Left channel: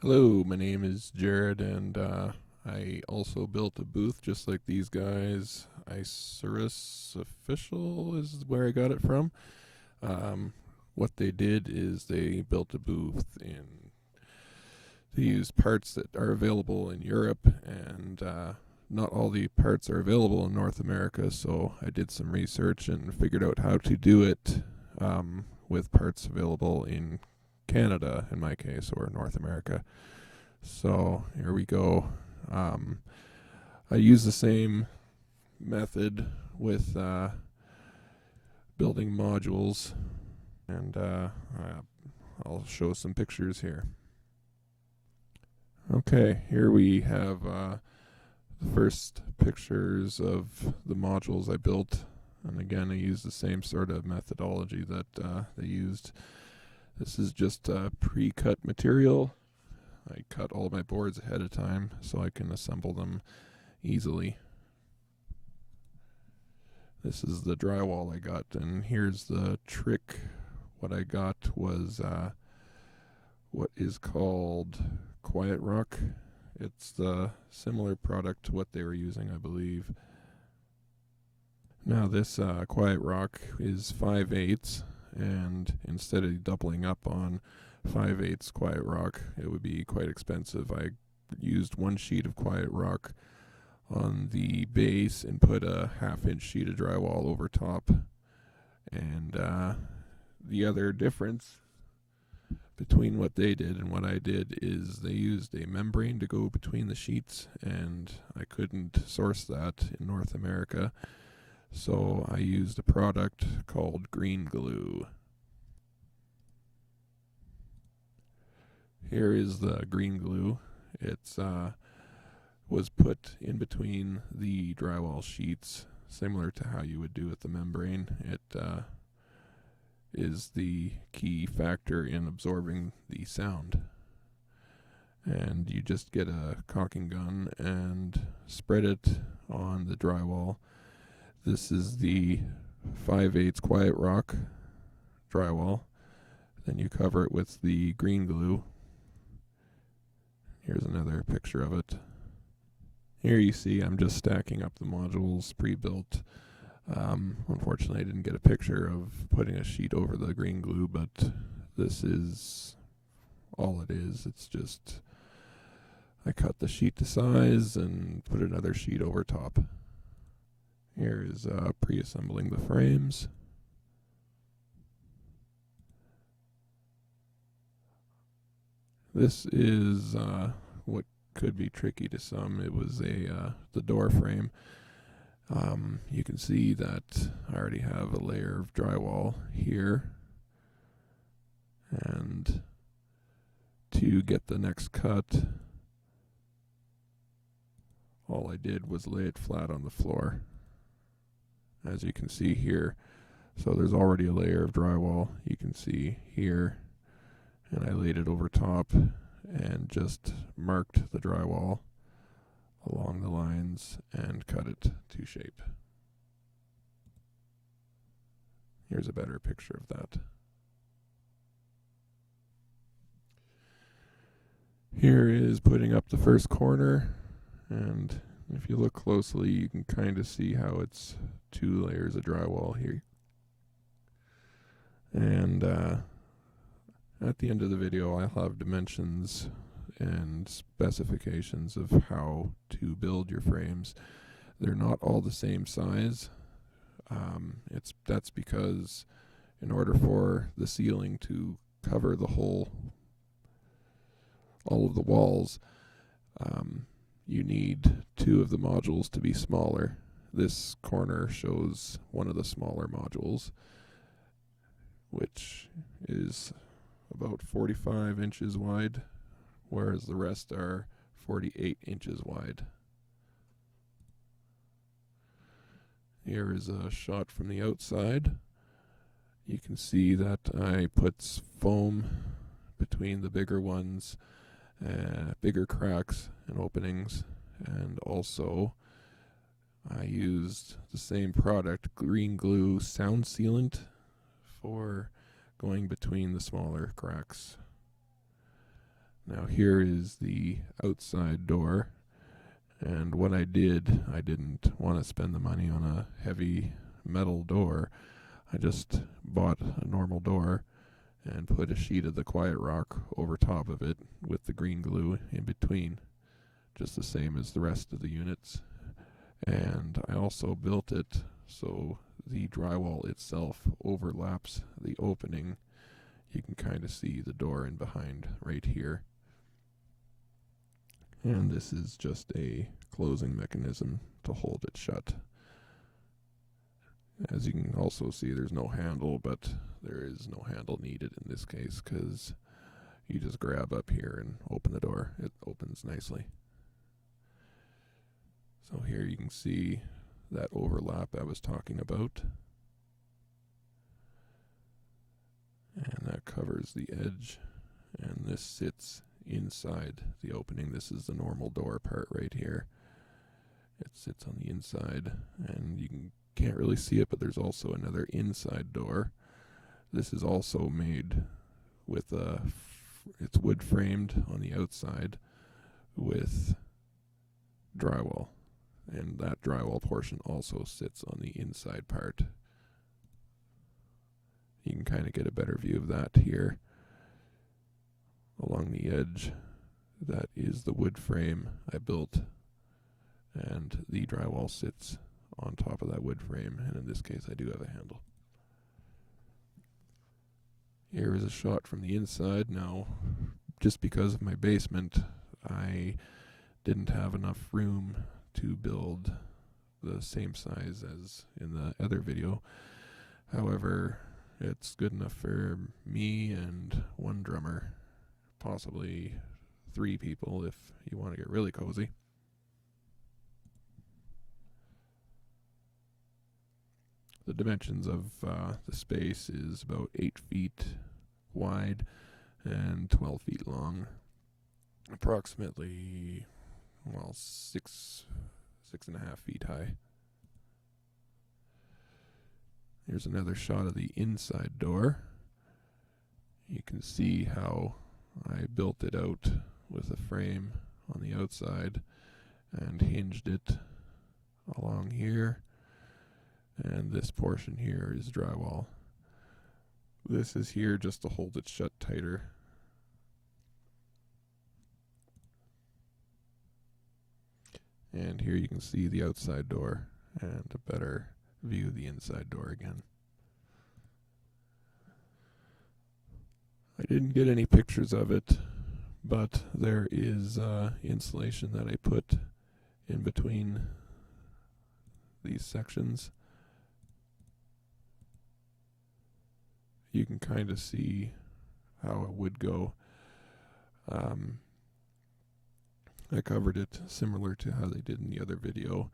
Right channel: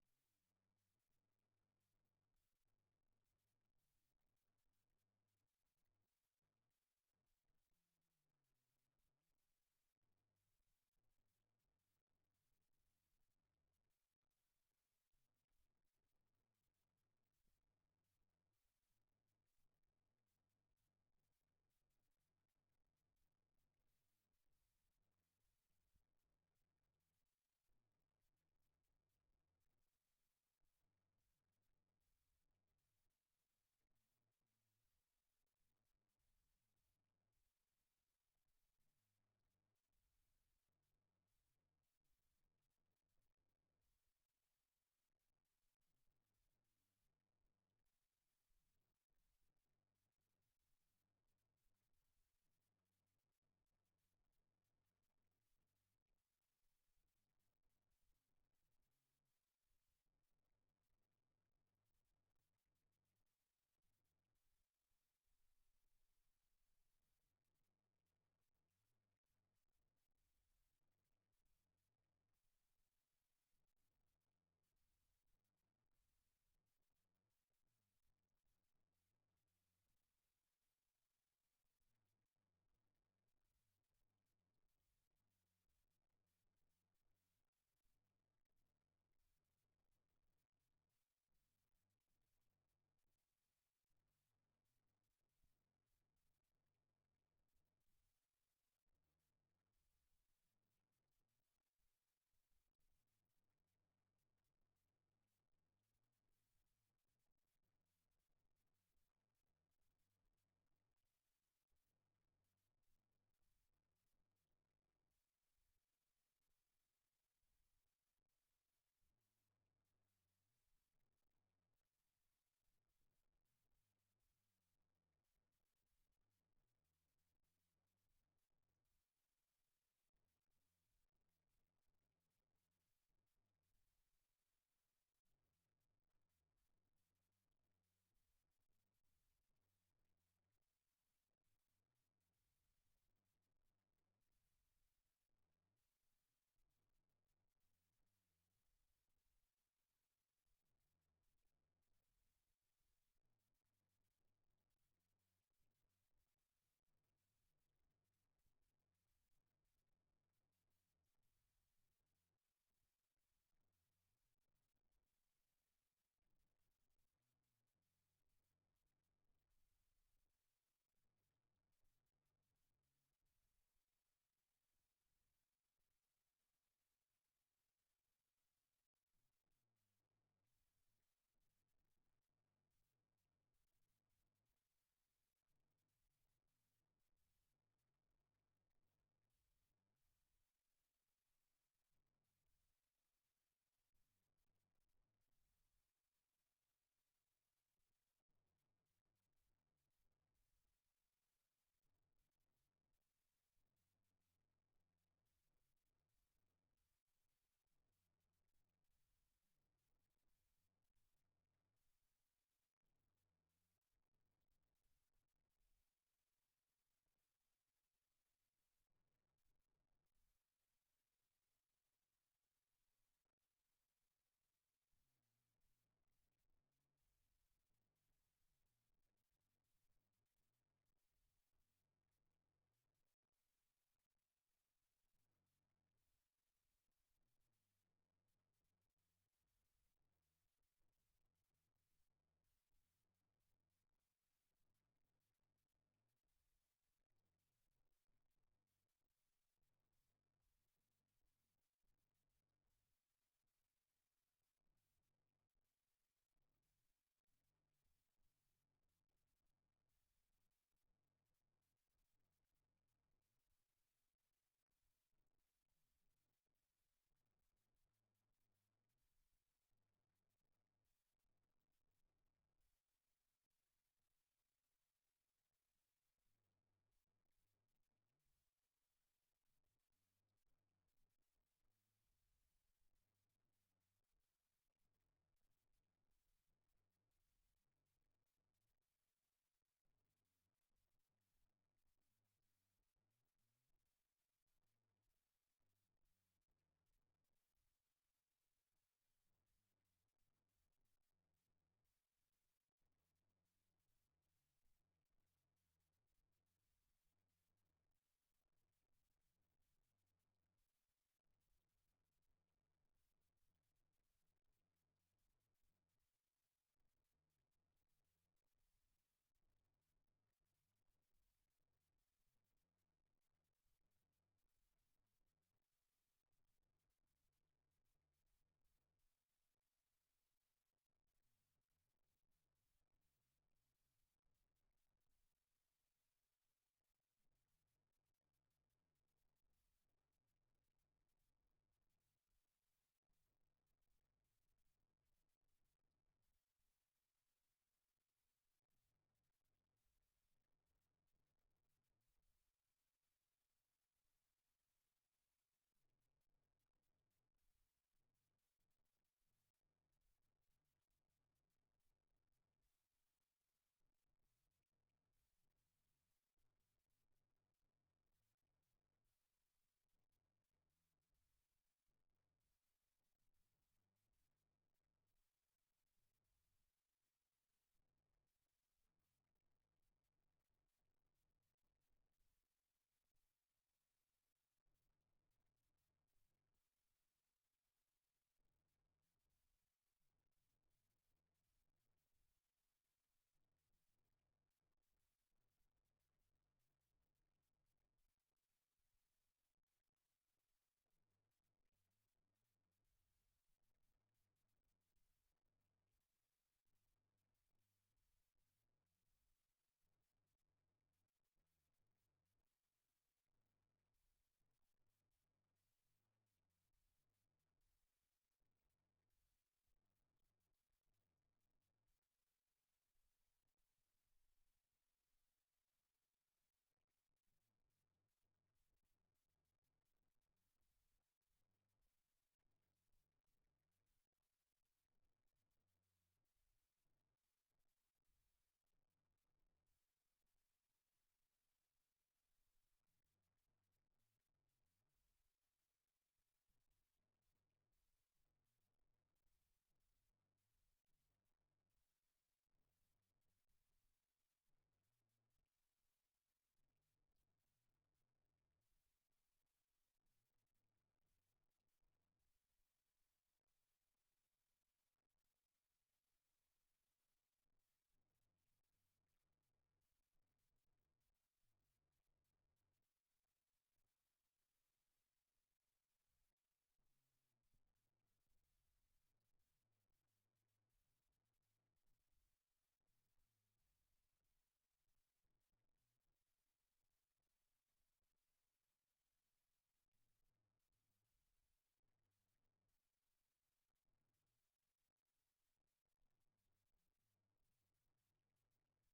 Hello, my name is Jared, and I also built a booth just like these guys. Isurus Official is where I got it from. Um, what they did is they built a booth in. They used parts that are available in Europe, and not all the parts are available in North America. So I did some research and figured out how to do it with parts available in Canada, in my case, or North America. So here we go. Um, I use the same method with building modules, and I'll show some pictures here. Okay, here we have the first pictures of the modules I built. And again, I use the same sort of methodology that they used. This is just pre-cut material. I cut all my boards ahead of time so I can assemble them easily. This is the drywall I got, and here's the trick. What I got was what is called Quiet Rock. It's the similar product to what they were using, I believe. Now this Quiet Rock is 5/8, and instead of doubling up on 5/8 Quiet Rock, it would be quite expensive. I used one sheet of Quiet Rock on the base and put a 1/2 inch sheet of drywall over top. And the other difference between what they did and what I did is they used a membrane to go between the sheets, and I couldn't source that in North America. So I used a product called green glue. Here is the green glue. It's was put in between the drywall sheets, similar to how you would do with the membrane. It is the key factor in absorbing the sound. And you just get a caulking gun and spread it on the drywall. This is the 5/8 Quiet Rock drywall. Then you cover it with the green glue. Here's another picture of it. Here you see I'm just stacking up the modules pre-built. Unfortunately, I didn't get a picture of putting a sheet over the green glue, but this is all it is. It's just I cut the sheet to size and put another sheet over top. Here is pre-assembling the frames. This is what could be tricky to some. It was the door frame. You can see that I already have a layer of drywall here, and to get the next cut, all I did was lay it flat on the floor, as you can see here. So there's already a layer of drywall you can see here, and I laid it over top and just marked the drywall along the lines and cut it to shape. Here's a better picture of that. Here is putting up the first corner, and if you look closely you can kind of see how it's 2 layers of drywall here. And at the end of the video I'll have dimensions and specifications of how to build your frames. They're not all the same size. That's because in order for the ceiling to cover the whole, all of the walls, you need 2 of the modules to be smaller. This corner shows one of the smaller modules, which is about 45 inches wide, whereas the rest are 48 inches wide. Here is a shot from the outside. You can see that I put foam between the bigger ones, bigger cracks and openings, and also I used the same product, green glue sound sealant, for going between the smaller cracks. Now here is the outside door, and what I didn't want to spend the money on a heavy metal door. I just bought a normal door and put a sheet of the Quiet Rock over top of it with the green glue in between, just the same as the rest of the units. And I also built it so the drywall itself overlaps the opening. You can kind of see the door in behind right here. And this is just a closing mechanism to hold it shut. As you can also see, there's no handle, but there is no handle needed in this case because you just grab up here and open the door. It opens nicely. So here you can see that overlap I was talking about. And that covers the edge, and this sits inside the opening. This is the normal door part right here. It sits on the inside, and you can't really see it, but there's also another inside door. This is also made with it's wood framed on the outside with drywall, and that drywall portion also sits on the inside part. You can kind of get a better view of that here. Along the edge, that is the wood frame I built, and the drywall sits on top of that wood frame, and in this case I do have a handle. Here is a shot from the inside. Now, just because of my basement, I didn't have enough room to build the same size as in the other video. However, it's good enough for me and one drummer, possibly 3 people if you want to get really cozy. The dimensions of the space is about 8 feet wide and 12 feet long, approximately, well, 6.5 feet high. Here's another shot of the inside door. You can see how I built it out with a frame on the outside and hinged it along here, and this portion here is drywall. This is here just to hold it shut tighter. And here you can see the outside door and a better view of the inside door again. I didn't get any pictures of it, but there is insulation that I put in between these sections. You can kind of see how it would go. I covered it similar to how they did in the other video.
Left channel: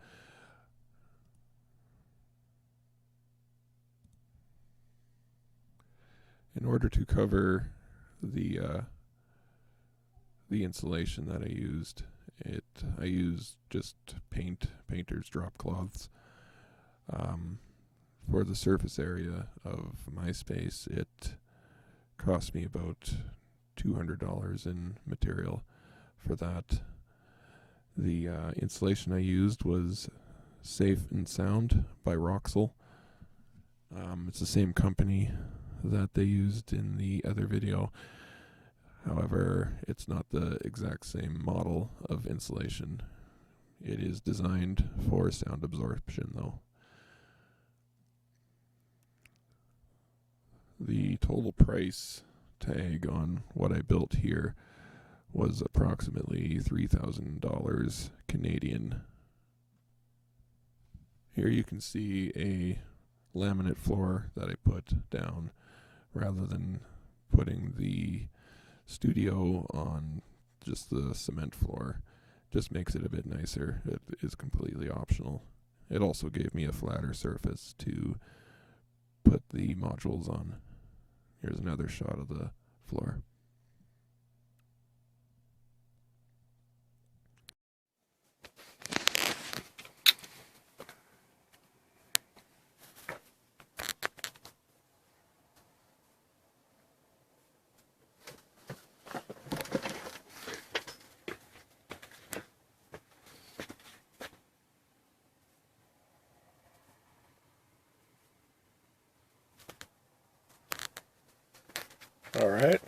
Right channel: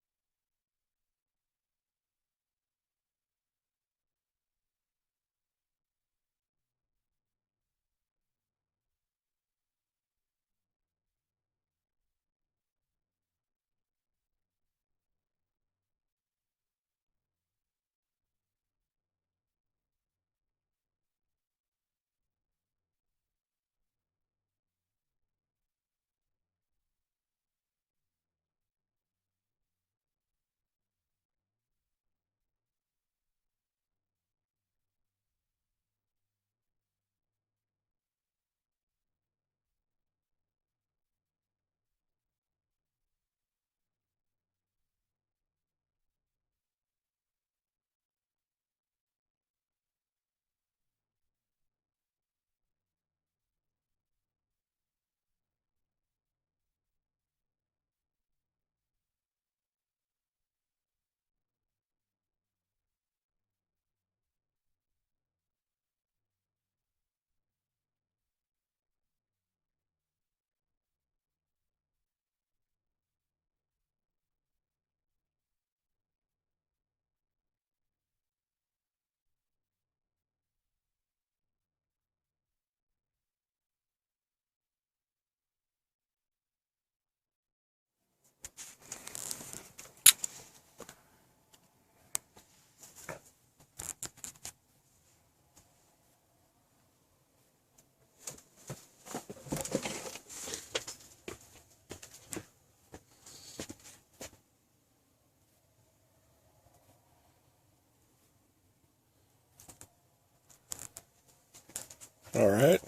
In order to cover the insulation that I used just painter's drop cloths. For the surface area of my space, it cost me about $200 in material for that. The insulation I used was Safe and Sound by Roxul. It's the same company that they used in the other video. However, it's not the exact same model of insulation. It is designed for sound absorption though. The total price tag on what I built here was approximately $3,000 Canadian. Here you can see a laminate floor that I put down rather than putting the studio on just the cement floor. Just makes it a bit nicer. It is completely optional. It also gave me a flatter surface to put the modules on. Here's another shot of the floor. Alright,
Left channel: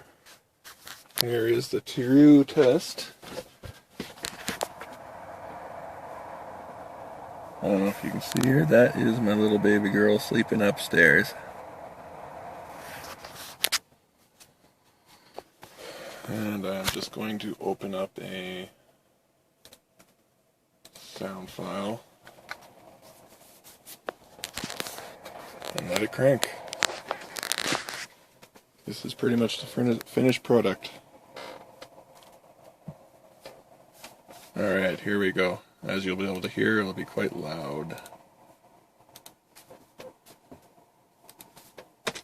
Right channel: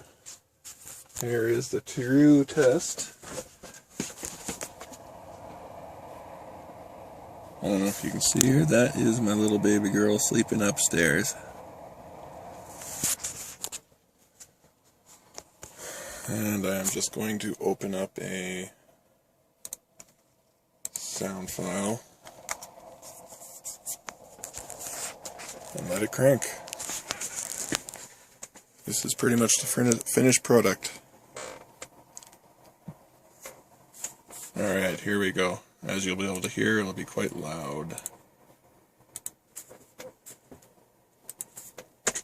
here is the true test. I don't know if you can see her, that is my little baby girl sleeping upstairs. And I am just going to open up a sound file and let it crank. This is pretty much the finished product. Alright, here we go. As you'll be able to hear, it'll be quite loud.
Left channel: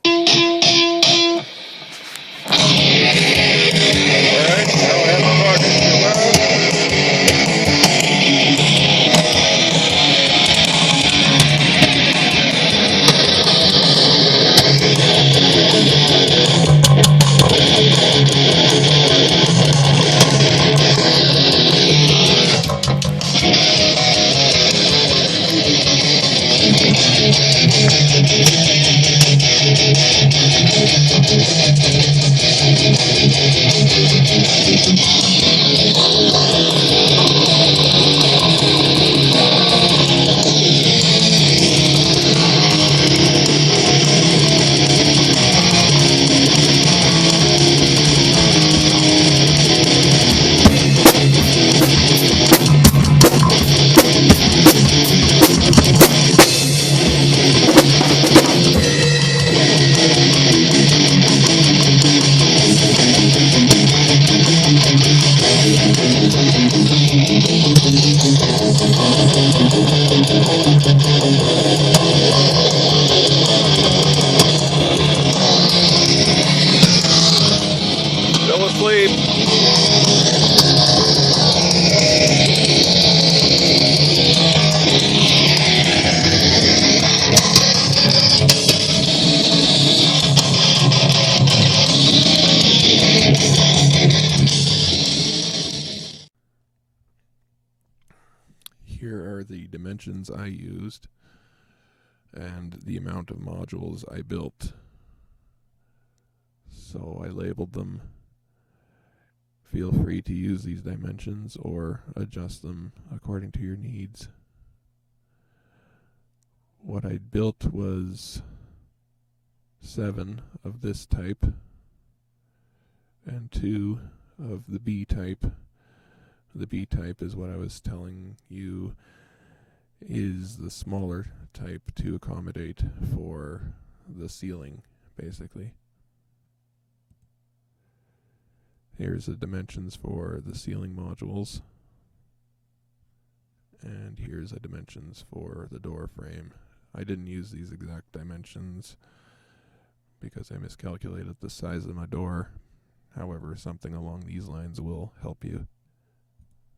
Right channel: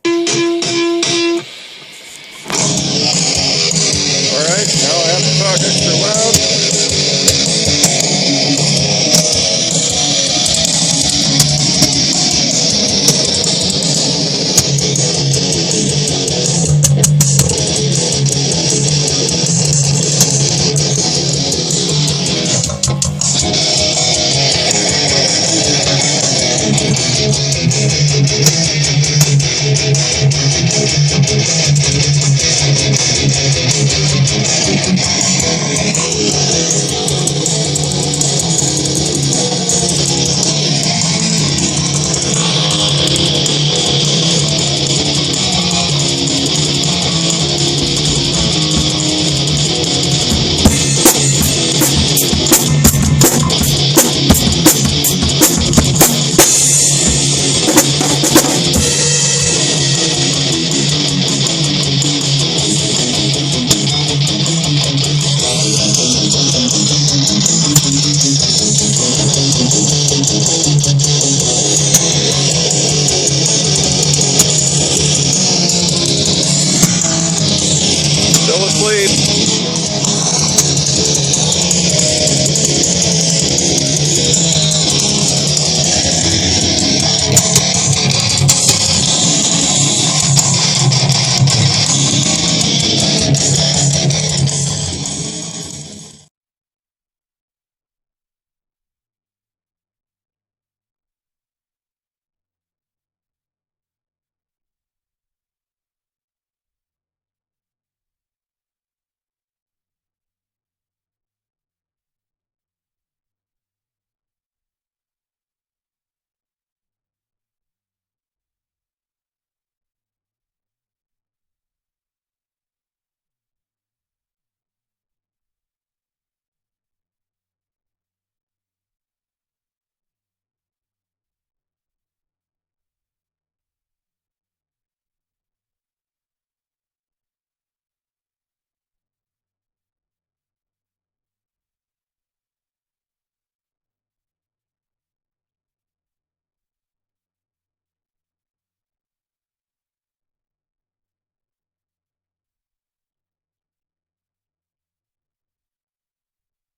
Alright, now I have to talk extra loud. Still asleep. Here are the dimensions I used and the amount of modules I built. So I labeled them. Feel free to use these dimensions or adjust them according to your needs. What I built was 7 of this type and 2 of the B type. The B type is what I was telling you is the smaller type to accommodate for the ceiling, basically. Here's the dimensions for the ceiling modules. And here's the dimensions for the door frame. I didn't use these exact dimensions because I miscalculated the size of my door. However, something along these lines will help you.